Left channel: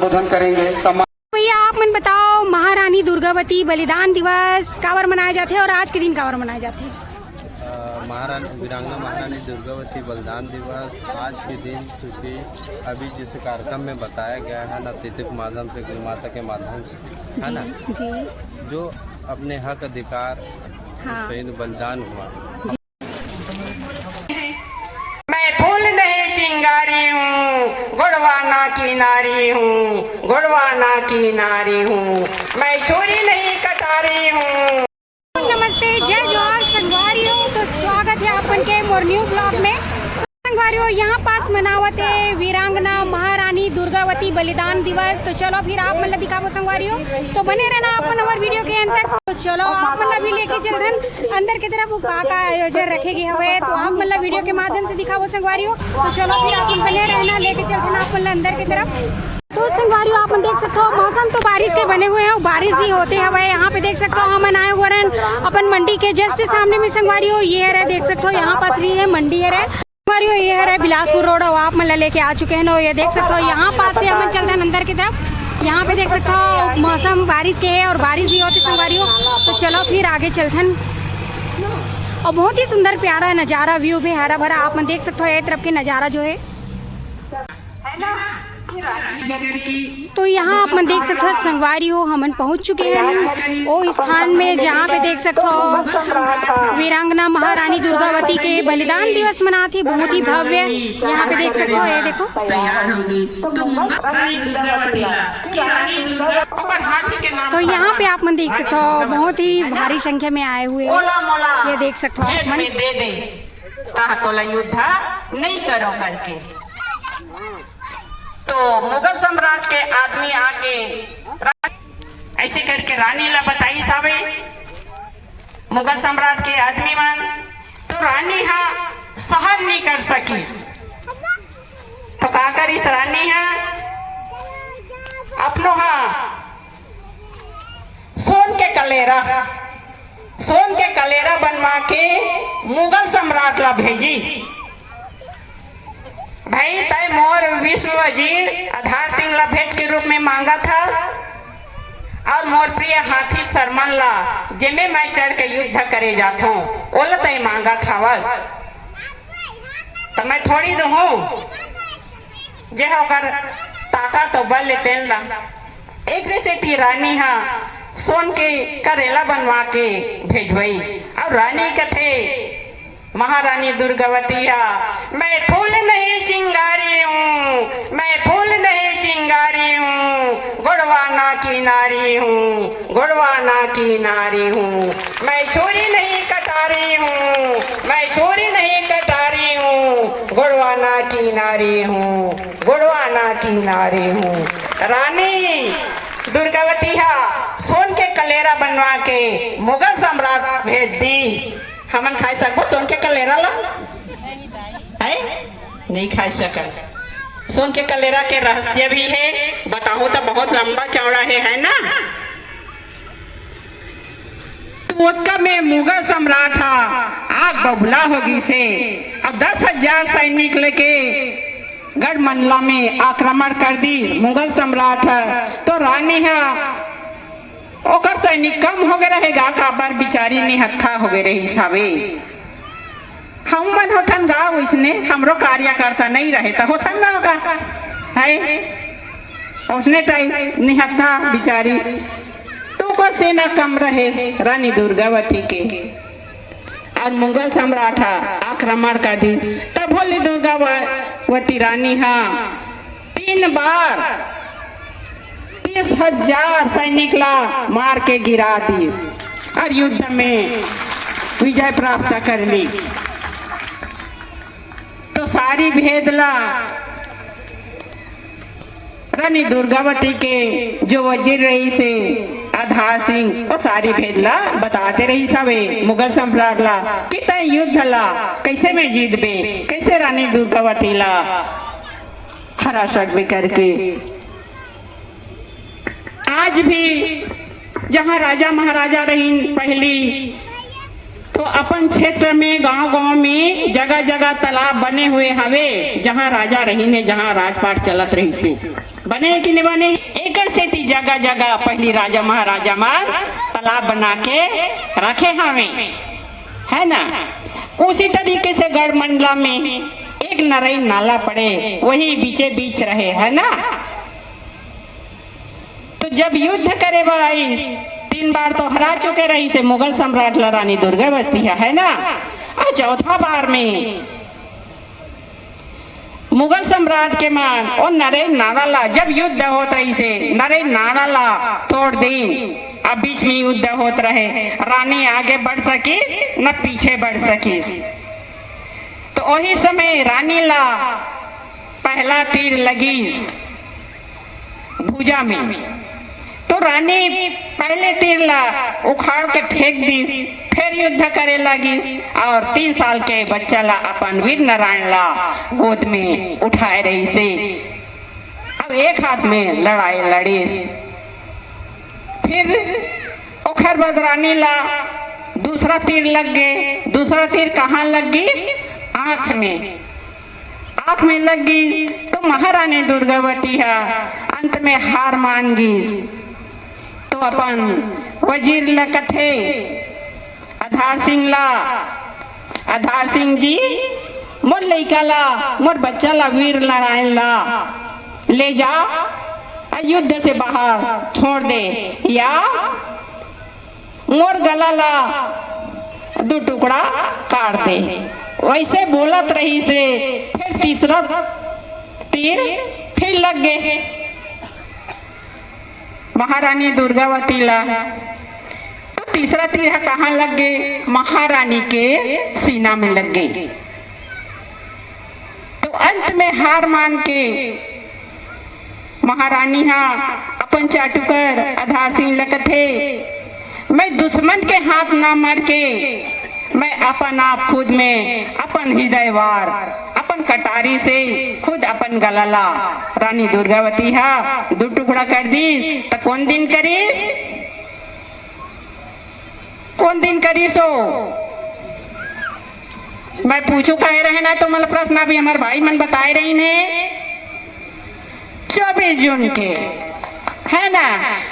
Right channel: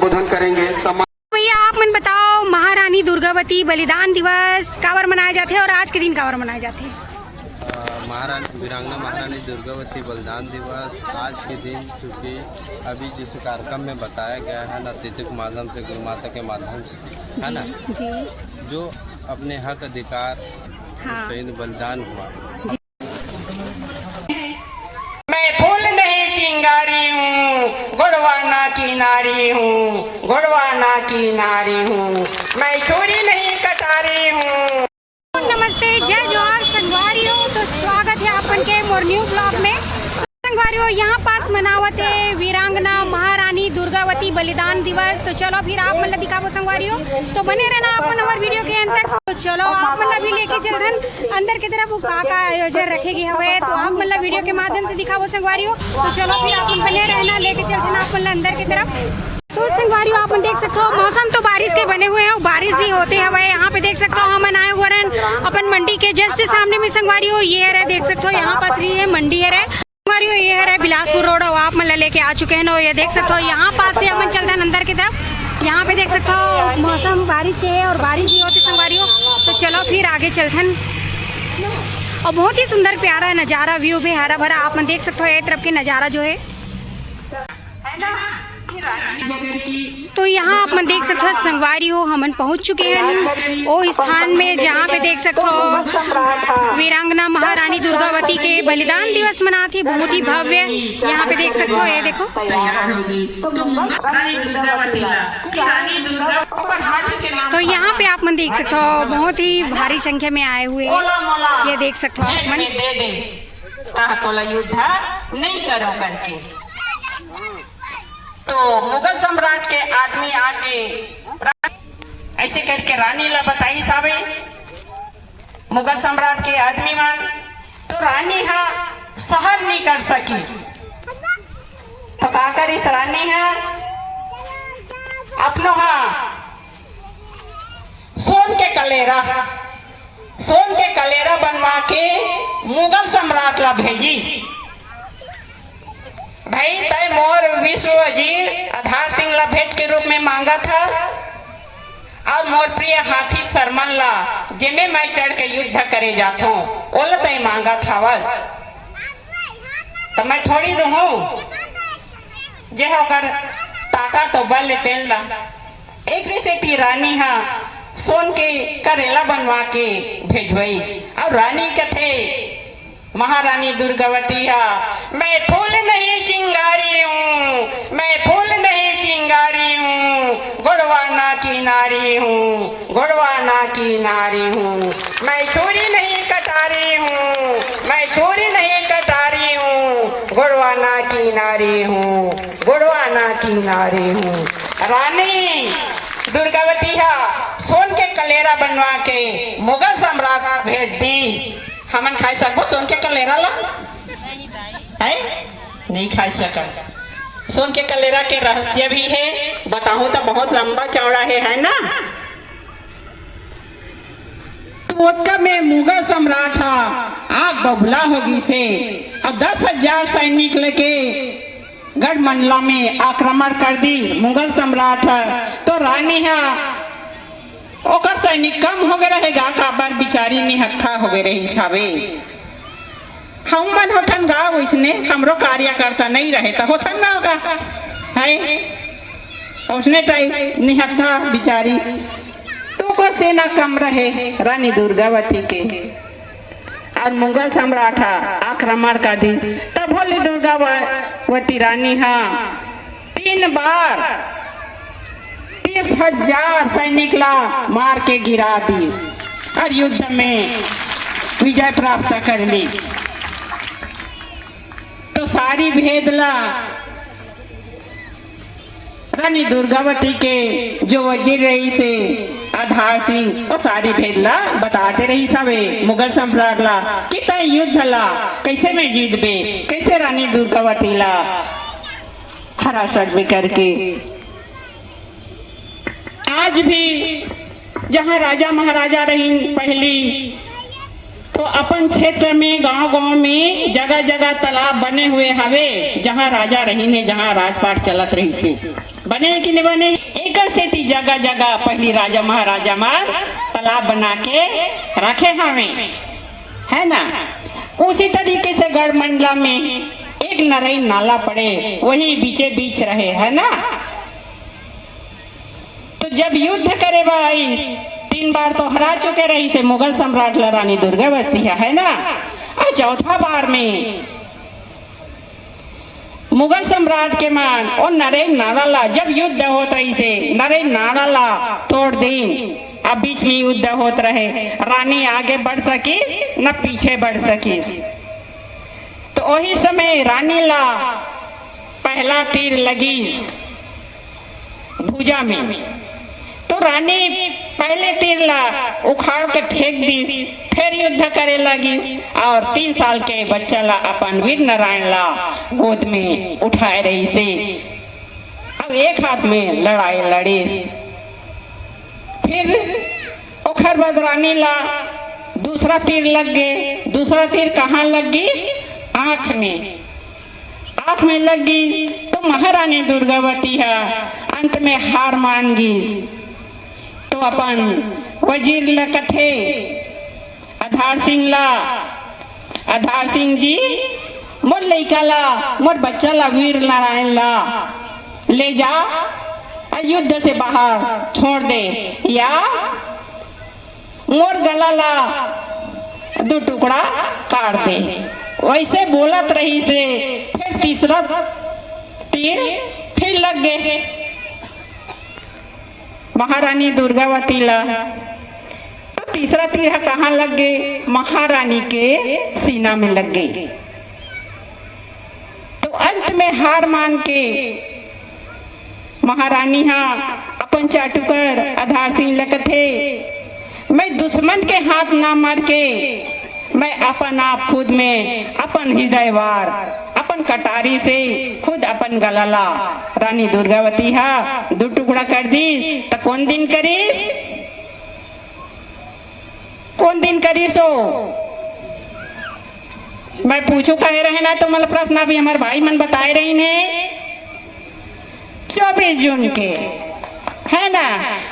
बोधन करेंगे। भैया आप मन बताओ, महारानी दुर्गावती बलिदान दिवस काबर मनाए जाते हैं और आज के दिन काबर मनाए जाते हैं? वीरांगना महारानी दुर्गावती बलिदान दिवस आज के दिन, क्योंकि अभी जिस कार्यक्रम में बताया गया है ना, अतिथि के माध्यम से, गुरु माता के माध्यम से, है ना जी, जो अपने हक अधिकार शहीद बलिदान हुआ। मैं फूल नहीं चिंगारी हूँ, गुड़वाना की नारी हूँ, गुड़वाना की नारी हूँ, मैं छुरी नहीं कटारी हूँ। नमस्ते, जय जोहार संगवारियों। तो स्वागत है अपन के मोर न्यू ब्लॉग में। संगवारियों, यहाँ पास मनावत है वीरांगना महारानी दुर्गावती बलिदान दिवस। तो चलो फिर आप मतलब दिखाओ संगवारियों, तो बने रहना अपन हमारे वीडियो के अंत तक। तो चलो आप मतलब भी लेके चलते अंदर की तरफ का आयोजन रखेगी हवे, तो आप मतलब वीडियो के माध्यम से दिखाओ संगवारियों। तो चलो फिर आप बने रहना, लेके चलते ना अपन अंदर की तरफ। तो संगवारियों आप देख सकते हो, मौसम तो बारिश के बने हुए हैं, बारिश भी होते हैं। यहाँ पे देख सकते हो हम आए हुए हैं अपन मंडी के जस्ट सामने में संगवारियों। ये है देख सकते हो, यहाँ पास ये मंडी है संगवारियों, ये है बिलासपुर रोड। आप मतलब लेके आ चुके हैं ना, ये देख सकते हो। यहाँ पास से हम चलते हैं अंदर की तरफ। यहाँ पे देख सकते हो मौसम बारिश के है और बारिश भी होती संगवारियों। तो चलो फिर आगे चलते हैं। और बहुत ही सुंदर प्यारा नज़ारा, व्यू भी हरा भरा आप देख सकते हो। एक तरफ के नज़ारा जो है, तो यहाँ आप देख सकते हो संगवारियों, हम पहुँच चुके हैं वो स्थान में जहाँ पे देख सकते हो वीरांगना महारानी दुर्गावती के बलिदान दिवस मनाते, बहुत ही भव्य। यहाँ पे देख सकते हो, ये देखो। तो यहाँ पे आप मन देख सकते हो बहुत ही भारी संख्या में आए हुए हैं, ये देख सकते हो आप मन। तो युद्ध नहीं करो करके, तो मुगल सम्राट के आदमी आके ऐसे करके रानी ला बताई सावे, मुगल सम्राट के आदमी मान तो रानी हा सहन नहीं कर सकी। तो का करिस रानी है अपनो हा सोन के कलेरा बनवा के मुगल सम्राट ला भेजिस। भाई तय मोर विश्व वजीर आधार सिंह ला भेंट के रूप में मांगा था, और मोर प्रिय हाथी सरमन ला जिमे मैं चढ़ के युद्ध करे जाता हूँ, ओला तय मांगा था बस। तो मैं थोड़ी दूँ जे होकर ताका तो बल लेते ला। एक से रानी हा सोन के करेला बनवा के भेजवई, और रानी कथे महारानी दुर्गावती मैं फूल नहीं चिंगारी हूँ, मैं फूल नहीं चिंगारी हूँ, गुड़वाना की नारी हूँ, गुड़वाना की नारी हूँ, मैं छुरी नहीं कटारी हूँ, मैं छुरी नहीं कटारी हूँ, गुड़वाना की नारी हूँ, गुड़वाना की नारी हूँ। रानी दुर्गावती सोन के कलेरा बनवा के मुगल सम्राट भेज दी। हमन खाई सकबो सोन के कलेरा ला? है नहीं खाई सका। सोन के कलेरा के रहस्य भी है, बताऊं तो बहुत लंबा चौड़ा है ना। तो में मुगल सम्राट आग बबुला होगी से, और 10,000 सैनिक लेके गढ़ मंडला में आक्रमण कर दी मुगल सम्राट। तो रानी ओकर सैनिक कम हो गए रहेगा, काबर बिचारी निहत्था हो गए रही छावे। हम मन होठन गाँव उसने हमरो कार्यकर्ता नहीं रहे तो होठन गाँव का है उसने टाइम निहत्था बिचारी। तो कोई सेना कम रहे रानी दुर्गावती के, और मुगल सम्राट आक्रमण कर दी। तब बोले दुर्गावती रानी 3 बार 30,000 सैनिक ला मार के गिरा दी और युद्ध में विजय प्राप्त कर ली। तो सारी भेदला रानी दुर्गावती के जो वजीर रही से आधार सिंह, वो सारी भेदला बताते रही सबे मुगल सम्राट ला कि तय युद्ध ला कैसे में जीत बे, कैसे रानी दुर्गावती ला हरा सकबे करके। आज भी जहाँ राजा महाराजा रही पहली तो अपन क्षेत्र में गांव-गांव में जगह जगह तालाब बने हुए हवे, जहां राजा रही ने, जहां राजपाट चलत रही से बने कि नहीं बने। एक सेती जगह जगह पहली राजा महाराजा मार तालाब बना के रखे हवे, है ना। उसी तरीके से गढ़ मंडला में एक नरई नाला पड़े, वही बीचे बीच रहे, है ना। तो जब युद्ध करे भाई 3 बार तो हरा चुके रही से मुगल सम्राट ला रानी दुर्गावती है ना। और चौथा बार में मुगल सम्राट के मान और नरेश नावाला जब युद्ध होत रही से नरेश नावाला तोड़ दी। अब बीच में युद्ध होत रहे, रानी आगे बढ़ सकी न पीछे बढ़ सकी। तो वही समय रानी ला पहला तीर लगी भुजा में। तो रानी पहले तीर ला उखाड़ के फेंक दी, फिर युद्ध करे लगी और 3 साल के बच्चा ला अपन वीर नारायण ला गोद में उठाए रही से। अब एक हाथ में लड़ाई लड़ी, फिर ओखर बाद रानी ला दूसरा तीर लग गए। दूसरा तीर कहाँ लग गई? आंख में। आंख में लग गई तो महारानी दुर्गावती है अंत में हार मान गई। तो अपन वजीर ला कथे आधार सिंह ला, आधार सिंह जी मोर लइका ला, मोर बच्चा ला वीर नारायण ला ले जा, युद्ध से बाहर छोड़ दे, या मोर गला ला 2 टुकड़ा काट दे। वैसे बोलत रही से फिर तीसरा तीर फिर लग गए महारानी दुर्गावती ला। तो तीसरा तीर कहाँ लग गए? महारानी के सीना में लग गई। तो अंत में हार मान के महारानी अपन चाटुकर आधार सिंह लकथे, मैं दुश्मन के हाथ ना मार के मैं अपन आप खुद में अपन हृदय वार अपन कटारी से खुद अपन गलाला रानी दुर्गावती 2 टुकड़ा कर दी। तो कौन दिन करीस? कौन दिन करीस हो? मैं पूछू कहे रहे ना, तो मतलब प्रश्न अभी हमारे भाई मन बताए रही ने 24 जून के, है ना।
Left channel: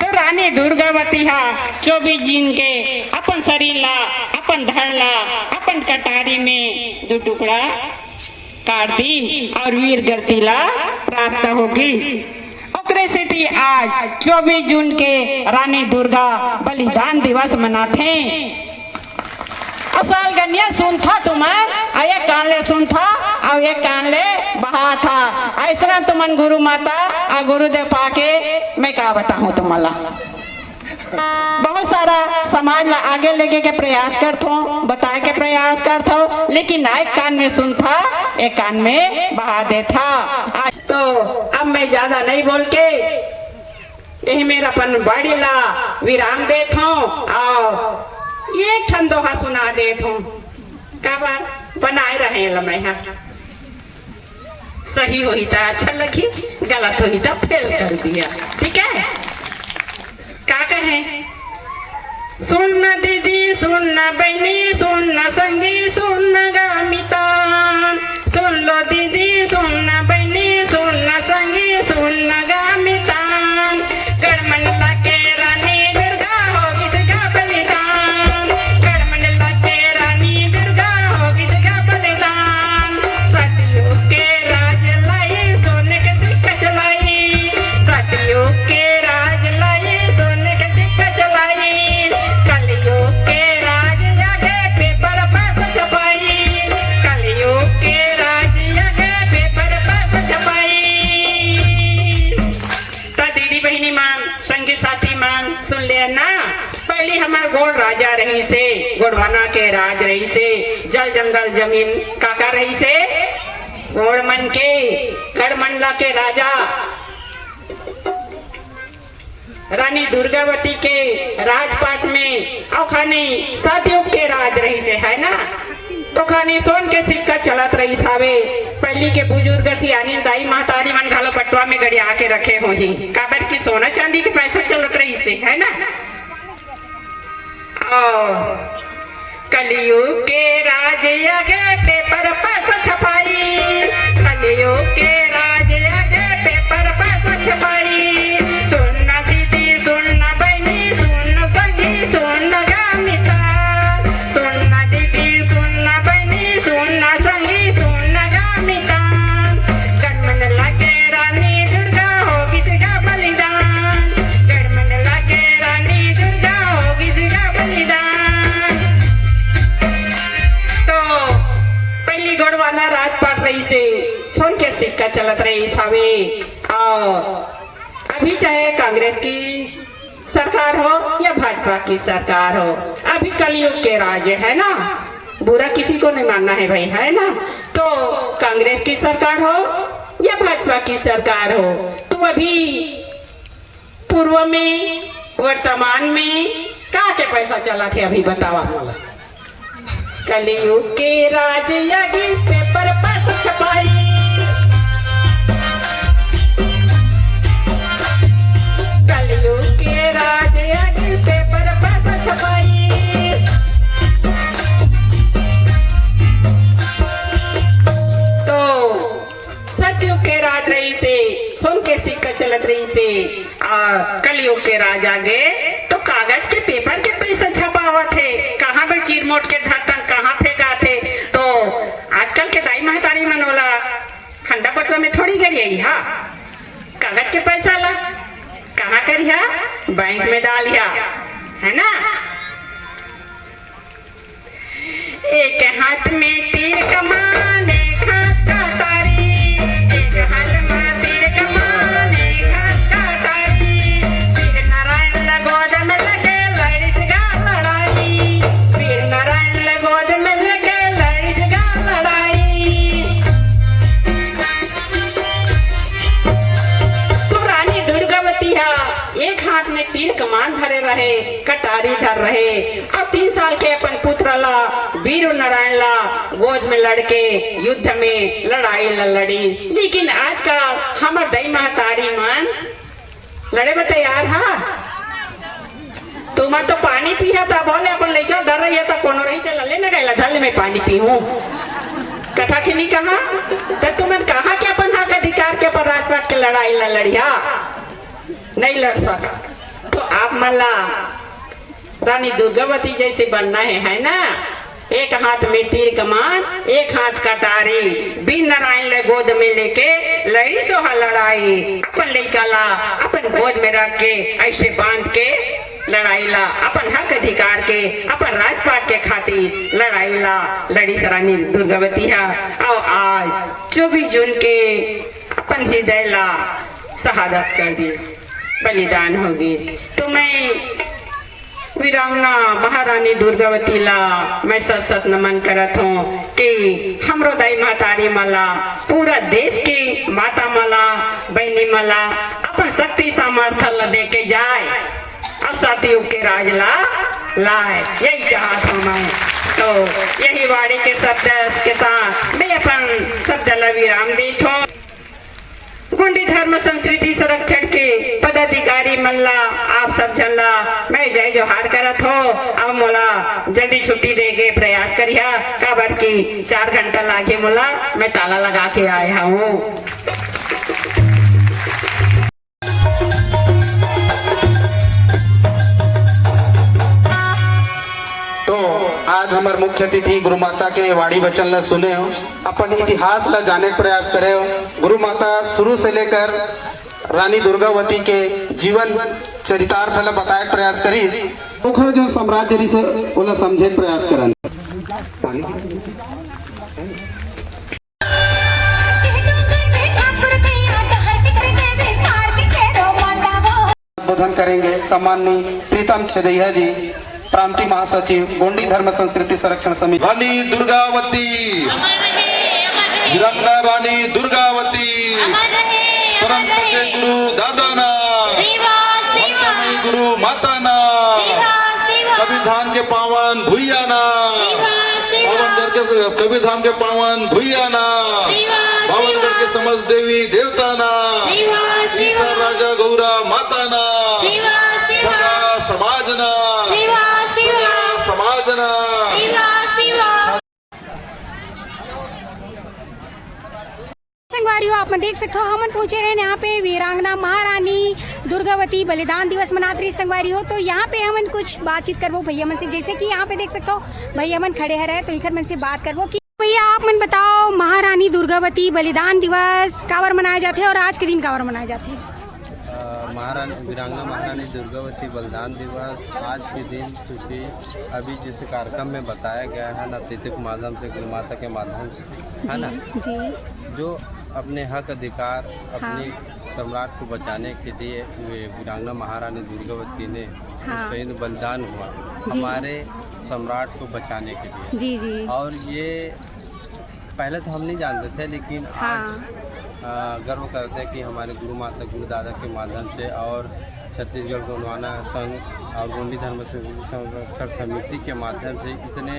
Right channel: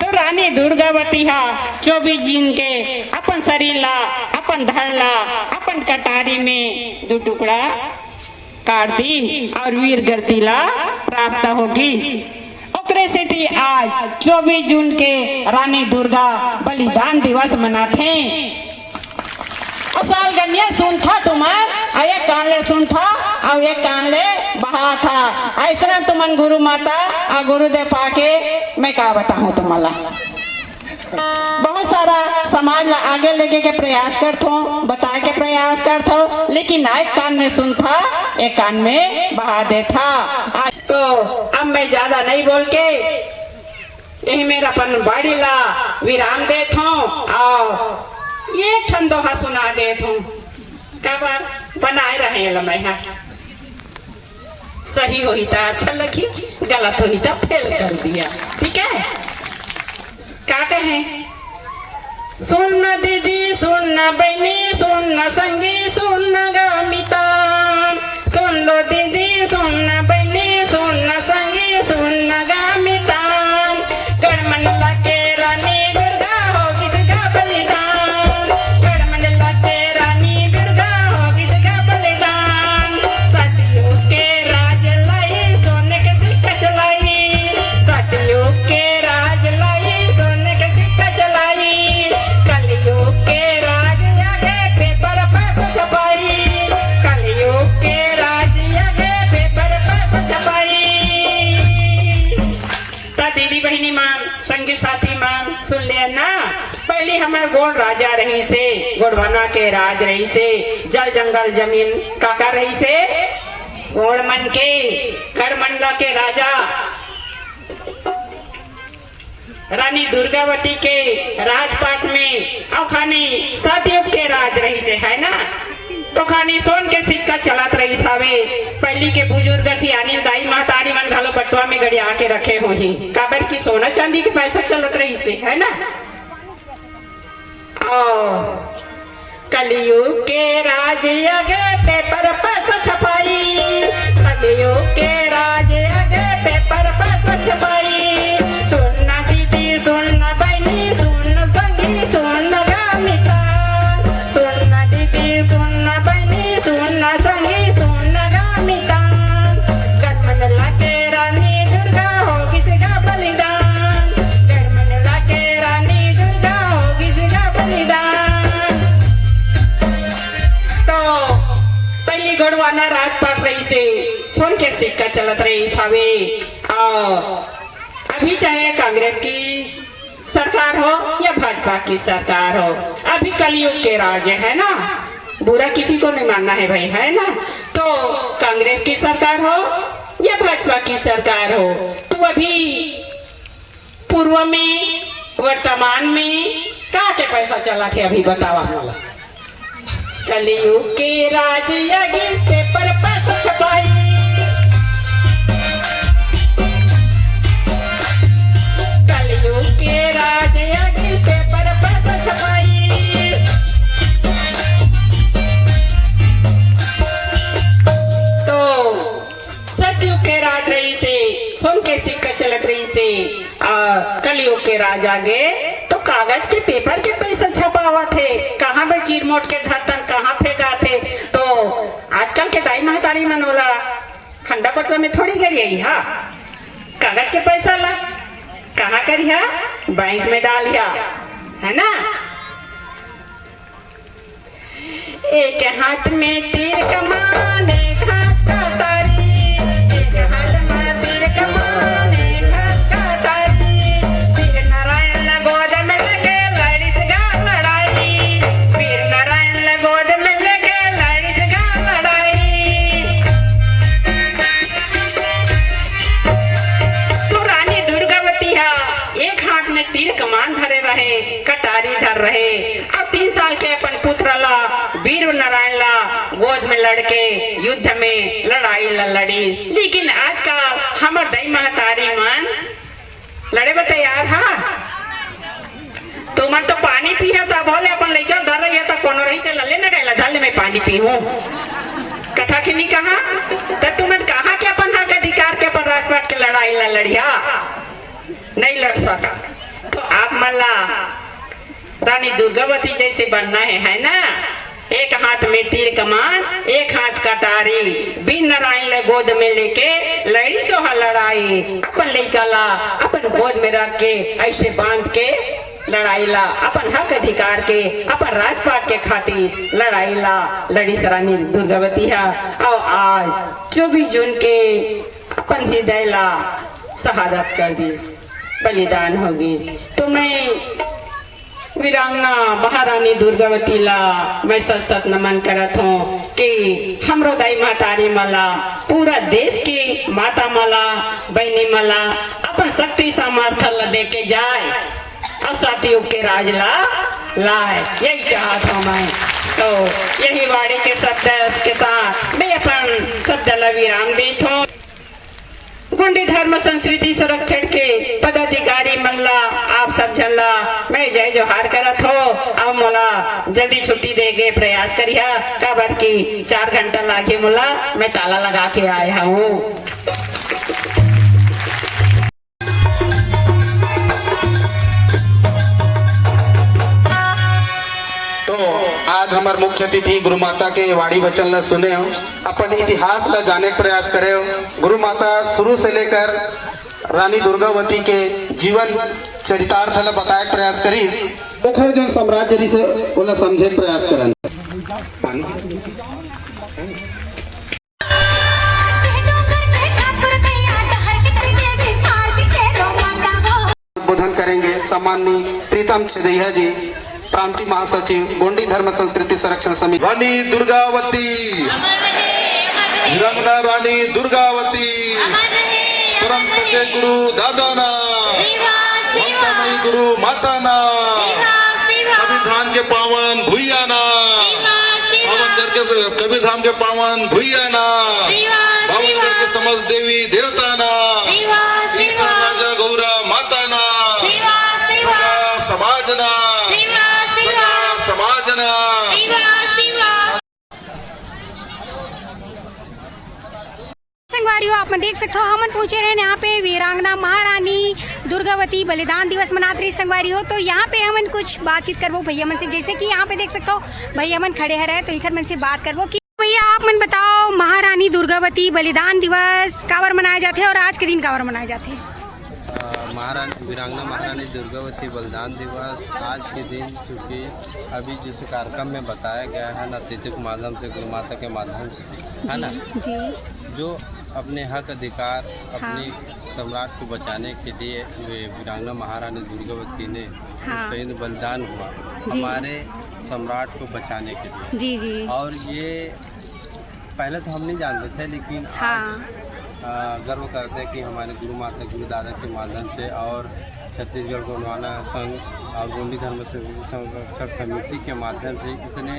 तो रानी दुर्गावती 24 जून के अपन शरीर ला, अपन धड़ ला, अपन कटारी में 2 टुकड़ा काट दी और वीर गति ला प्राप्त होगी। ओकरे से थी आज 24 जून के रानी दुर्गा बलिदान दिवस मनाते। असल गनिया सुन था तुम्हार, एक कान ले सुन था और एक कान ले बहा था। ऐसा तुमन गुरु माता और गुरुदेव पाके मैं क्या बताऊं तुम्हारा। बहुत सारा समाज ला आगे लेके के प्रयास करता हूँ, बताए के प्रयास करता हूँ, लेकिन एक कान में सुन था एक कान में बहा दे था। तो अब मैं ज्यादा नहीं बोल के यही मेरा अपन बाड़ी ला विराम देता हूँ और ये ठंडोहा सुना देता हूँ। क्या बात बनाए रहे मैं सही हुई था अच्छा लगी, गलत हुई था फेल कर दिया, ठीक है। क्या कहे? सुन दीदी, सुन बहनी, सुन संगी, सुन गामिता, सुन लो दीदी, सुन बहनी, सुन संगी, सुन गामिता। गढ़मंडला के रानी दुर्गा होगी जगह बलिदान, गढ़मंडला के रानी दुर्गा होगी जगह बलिदान। सतियों के राज लाई सोने के सिक्का चलाई, सतियों के राज लाई सोने के सिक्का चलाई। कलयुग के राज आगे पेपर पास छपाई, कलयुग के राज आगे पेपर पास छपाई। तो दीदी बहनी मान, संगी साथी मान सुन ले ना। पहले हमारे गोड़ राजा रही से, गोड़वाना के राज रही से, जल जंगल जमीन काका रही से, गोड़ मन के गढ़मंडला के राजा रानी दुर्गावती के राजपाट में और खानी सतयुग के राज रही से, है ना। तो खानी सोन के सिक्का चलत रही सावे। पहली के बुजुर्ग सियानी दाई महतारी मन घालो बटुआ में गड़िया के रखे हो ही, काबर की सोना चांदी के पैसा चलत रही से, है ना। कलयुग के राज आगे पेपर पर छपाई, कलयुग के राज आगे पेपर पर छपाई। सुनना दीदी सुनना बहनी सुन सगी सुन गामिता, सुनना दीदी सुनना बहनी सुन सगी सुन गामिता। गठमन लागे रानी दुर्गा होगी सिगा बलिदान, गठमन लागे रानी दुर्गा होगी सिगा बलिदान। तो पहली गोड़वाना रात पड़ रही से सोन के सिक्का चलत रही सावे। अभी चाहे कांग्रेस की सरकार हो या भाजपा की सरकार हो, अभी कलयुग के राज है ना, बुरा किसी को नहीं मानना है भाई, है ना। तो कांग्रेस की सरकार हो या भाजपा की सरकार हो, तो अभी पूर्व में वर्तमान में कहाँ के पैसा चला थे अभी बतावा। कलयुग के राज आगे पेपर पर छपाई, कलयुग के राज आगे पेपर पर छपाई। तो सतयुग के राज रही से सोन के सिक्का चलत रही से कलयुग के राज आगे तो कागज के पेपर के पैसा छपावा थे, कहाँ पर चीर मोट के धरता कहाँ फेंका थे। तो आजकल के दाई महतारी मन वाला खंडा बटवा में थोड़ी गई हा, कागज के पैसा ला कहाँ करिया, बैंक में डालिया, है ना। एक हाथ में तीर कमान एक हाथ कटारी, एक हाथ में तीर कमान एक हाथ कटारी। फिर नारायण लगोद में लगे लड़ी सगा लड़ाई, फिर नारायण लगोद में लगे लड़ी सगा लड़ाई। तो रानी दुर्गावती हा एक हाथ में तीर कमान धरे रहे, कटारी धर रहे, और 3 साल के अपन पुत्र ला वीर नारायण ला गोद में लड़के युद्ध में लड़ाई लड़ी। लेकिन आज का हमर दई महतारी मन लड़े में तैयार हा। तुम तो पानी पिया था बोले अपन लड़का धर रही है तो कोनो रही तो ले न गए धल में पानी पीहूं, कथा की नहीं कहा तो तुमने कहा कि अपन हक अधिकार के पर राजपाट के लड़ाई लड़िया नहीं लड़ सका। तो आप मला रानी दुर्गावती जैसे बनना है ना। एक हाथ में तीर कमान एक हाथ कटारी, बीर नारायण ले गोद में लेके लड़ी सोहा लड़ाई। अपन लड़का ला अपन गोद में रख के ऐसे बांध के लड़ाई ला, अपन हक अधिकार के अपन राजपाट के खातिर लड़ाई ला लड़ी रानी दुर्गावती है। और आज 24 जून के अपन हृदय ला शहादत कर दी, बलिदान होगी। तो मैं वीरांगना महारानी दुर्गावती ला मैं सत नमन करत हूँ कि हमरो दाई महतारी मला पूरा देश की माता मला बहनी मला अपन शक्ति सामर्थ्य ला दे के जाए और सतयुग के राज ला लाए, यही चाहता हूँ मैं। तो यही वाणी के शब्द के साथ मैं अपन शब्द ला विराम देता हूँ। गोंडी धर्म संस्कृति संरक्षण के पदाधिकारी मल्ला आप सब झल्ला मैं जय जोहार करत हो। अब मोला जल्दी छुट्टी देके प्रयास करिया, काबर की 4 घंटा लागे मोला, मैं ताला लगा के आया हूँ। आज हमारे मुख्य अतिथि गुरु माता के वाणी वचन ला सुने हो, अपन इतिहास ला जाने का प्रयास करे हो। गुरु माता शुरू से लेकर रानी दुर्गावती के जीवन चरितार्थ ला बताए प्रयास करी, ओखर जो साम्राज्य रही से ओला समझे प्रयास करन। उद्बोधन करेंगे सम्माननीय प्रीतम छदैया जी, प्रांतीय महासचिव गोंडी धर्म संस्कृति संरक्षण समिति। रानी दुर्गावती, वीरांगना रानी दुर्गावती, परम श्रद्धेय गुरु दादाना, ममतामयी गुरु माताना, कबीरधाम के पावन भुइयाना, कबीरधाम के पावन भुइयाना, भावनगढ़ के समस्त देवी देवताना, ईश्वर राजा गौरा माताना, समाजना समाजना संगवारियों आप देख सकते हो हमन पहुंचे रहे यहाँ पे वीरांगना महारानी दुर्गावती बलिदान दिवस मनात रही संगवारी हो। तो यहाँ पे हमन कुछ बातचीत करबो भैया मन से, जैसे कि यहाँ पे देख सकते हो भैया मन खड़े है रहे, तो इखर मन से बात करबो कि भैया आप मन बताओ महारानी दुर्गावती बलिदान दिवस काबर मनाए जाते हैं और आज के दिन काबर मनाए जाते हैं? वीरांगना महारानी दुर्गावती बलिदान दिवस आज के दिन, क्योंकि अभी जैसे कार्यक्रम में बताया गया है ना, अतिथि के माध्यम से, गुरु माता के माध्यम से, है ना, जी जो अपने हक अधिकार अपनी सम्राट को बचाने के लिए वीरांगना महारानी दुर्गावती ने शहीद बलिदान हुआ हमारे सम्राट को बचाने के लिए। जी जी। और ये पहले तो हम नहीं जानते थे, लेकिन आज गर्व करते हैं कि हमारे गुरु माता गुरु दादा के माध्यम से और छत्तीसगढ़ गोंडवाना संघ और गोंडी धर्म संरक्षण समिति के माध्यम से इतने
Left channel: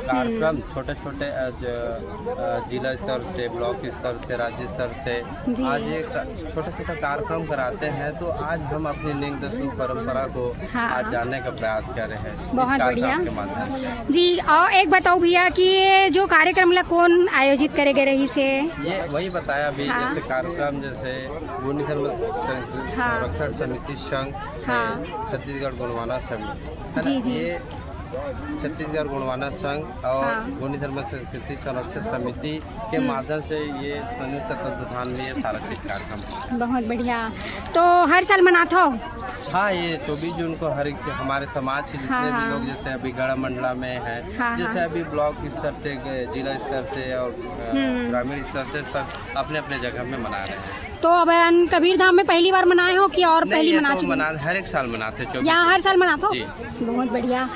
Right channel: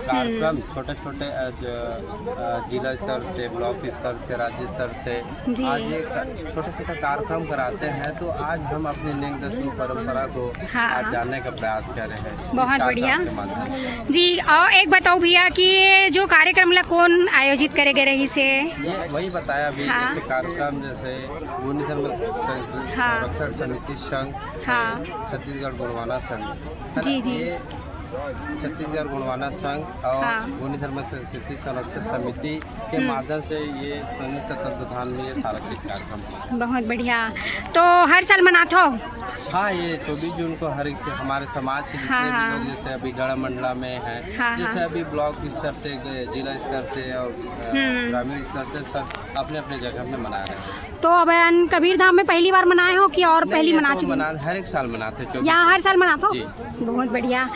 कार्यक्रम छोटे छोटे जिला स्तर से, ब्लॉक स्तर से, राज्य स्तर से आज ये छोटे छोटे कार्यक्रम कराते हैं। तो आज हम अपनी निंग दसुन परंपरा को आज जानने का प्रयास कर रहे हैं। बहुत बढ़िया जी। और एक बताओ भैया कि ये जो कार्यक्रम ला कौन आयोजित करेगे रही से? ये वही बताया अभी जैसे कार्यक्रम जैसे गोंडी धर्म संरक्षण समिति संघ, छत्तीसगढ़ गोंडवाना समिति, जी जी, ये छत्तीसगढ़ गोंडवाना संघ और गोंडी धर्म संस्कृति संरक्षण समिति के माध्यम से ये संयुक्त तत्वाधान में ये सारा चीज कार्यक्रम। बहुत बढ़िया। तो हर साल मनाते हो? हाँ, ये 24 जून को हर हमारे समाज के जितने भी लोग जैसे अभी गढ़ मंडला में है, जैसे अभी ब्लॉक स्तर से, जिला स्तर से और ग्रामीण स्तर से सब अपने अपने जगह में मना रहे हैं। तो अब कबीर धाम में पहली बार मनाए हो कि और पहली मना चुके? हर एक साल मनाते हैं। यहाँ हर साल मनाते हो? बहुत बढ़िया।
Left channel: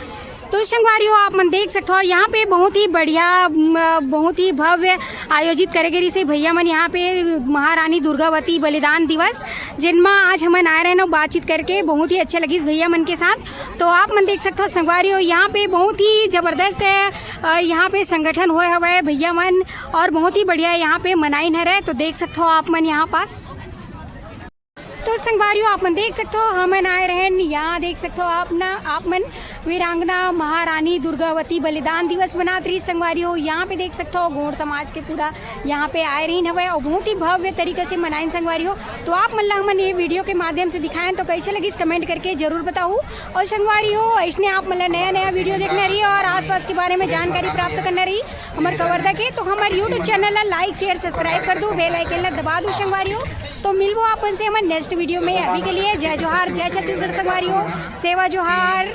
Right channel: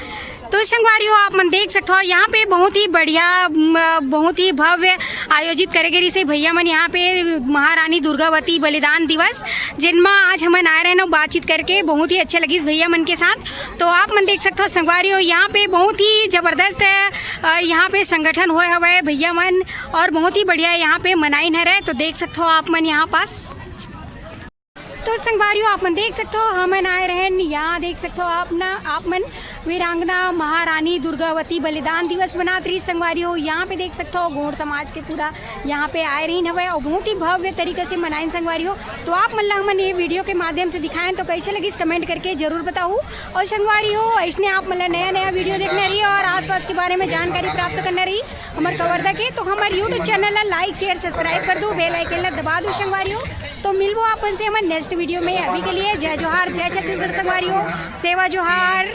तो संगवारियों आप मन देख सकते हो यहाँ पे बहुत ही बढ़िया, बहुत ही भव्य आयोजित करेगे रिसे भैया मन यहाँ पे महारानी दुर्गावती बलिदान दिवस, जिनमें आज हमन आए रहे ना बातचीत करके बहुत ही अच्छा लगी इस भैया मन के साथ। तो आप मन देख सकते हो संगवारियों यहाँ पे बहुत ही जबरदस्त है, यहाँ पे संगठन हुए हवे भैया मन और बहुत ही बढ़िया यहाँ पे मनाई न रहे। तो देख सकते हो आप मन यहाँ पास। तो संगवारियों आप मन देख सकते हो हमन आए रहे यहाँ, देख सकते हो आप मन वीरांगना महारानी दुर्गावती बलिदान दिवस मनात रही संगवारियों। यहाँ पे देख सकते हो गौड़ समाज के पूरा यहाँ पे आए रही हवे और बहुत ही भव्य तरीके से मनाएं संगवारियों। तो आप मन ला हमन ये वीडियो के माध्यम से दिखाएं तो कैसे लगी कमेंट करके जरूर बताओ। और संगवारियों ऐसने आप मन ला नया नया वीडियो देखना रही और आसपास के बारे में जानकारी प्राप्त करना रही हमारे कवर्धा के, तो हमारे यूट्यूब चैनल ला लाइक शेयर सब्सक्राइब कर दो, बेल आइकन ला दबा दो संगवारियों। तो मिलबो अपन से हमारे नेक्स्ट वीडियो में। अभी के लिए जय जोहार, जय छत्तीसगढ़ संगवारियों, सेवा जोहार।